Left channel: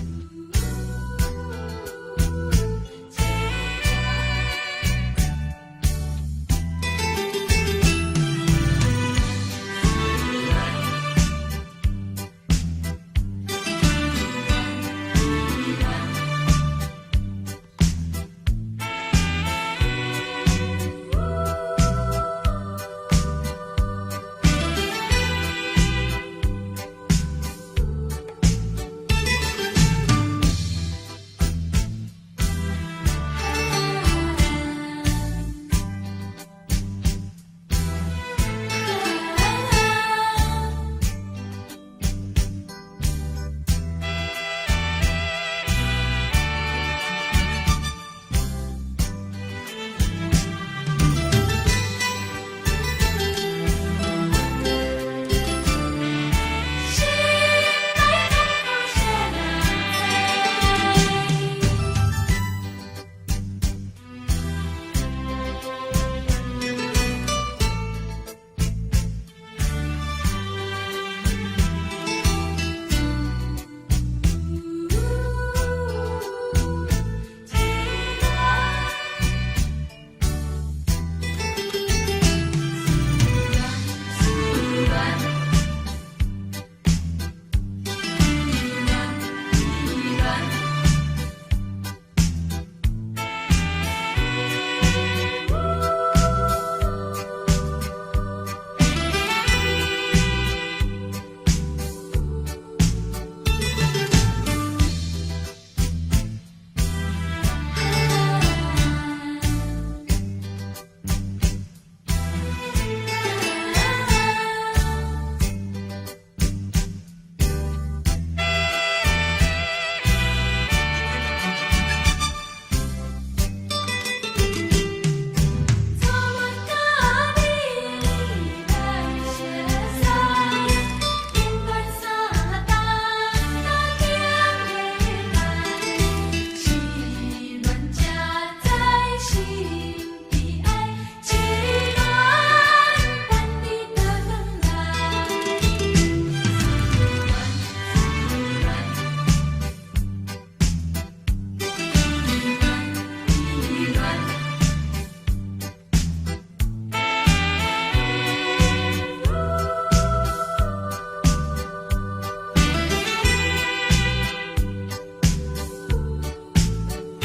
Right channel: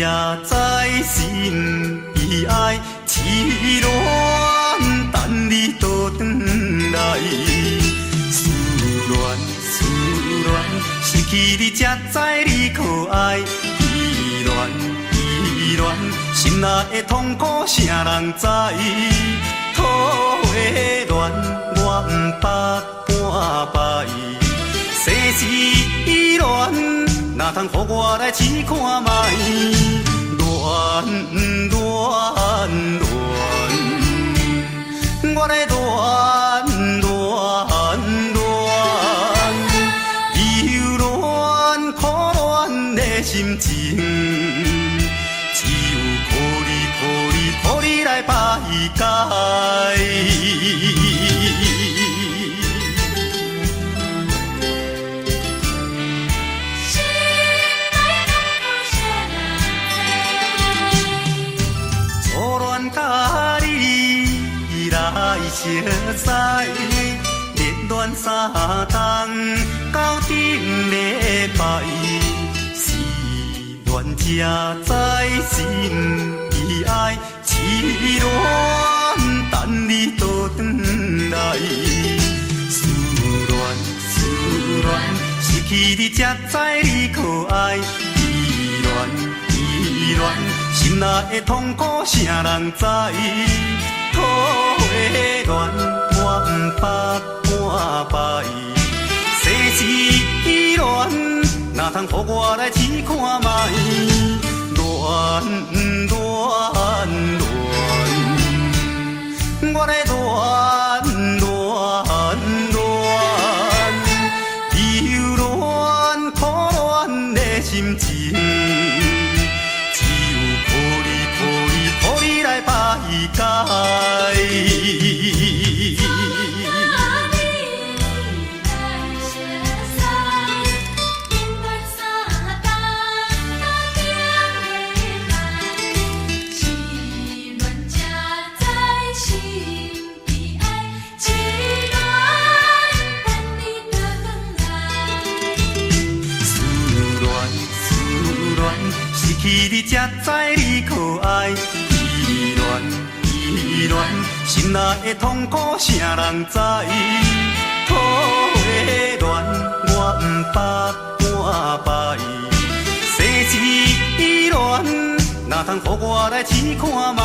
在心，悲哀痴恋，等你倒转来。思恋，失去你才知你可爱。依恋，心内的痛苦谁人知？土的恋，我不捌半摆。世事恋，哪通予我来试看卖？恋，我来恋。心情，只有靠你来排解。初恋甲你来熟悉，热恋三冬到顶礼拜。才知心悲哀痴恋，等你倒转来。思恋，失去你才知你可爱。依恋，心内的痛苦谁人知？土的恋，我不捌半摆。世事恋，哪通予我来试看卖？我来忧恋苦恋的心情，只有靠你来排解。失去你才知你可爱。依恋，心内的痛苦谁人知？土的恋，我不捌半摆。世事恋，哪通予我来试看卖？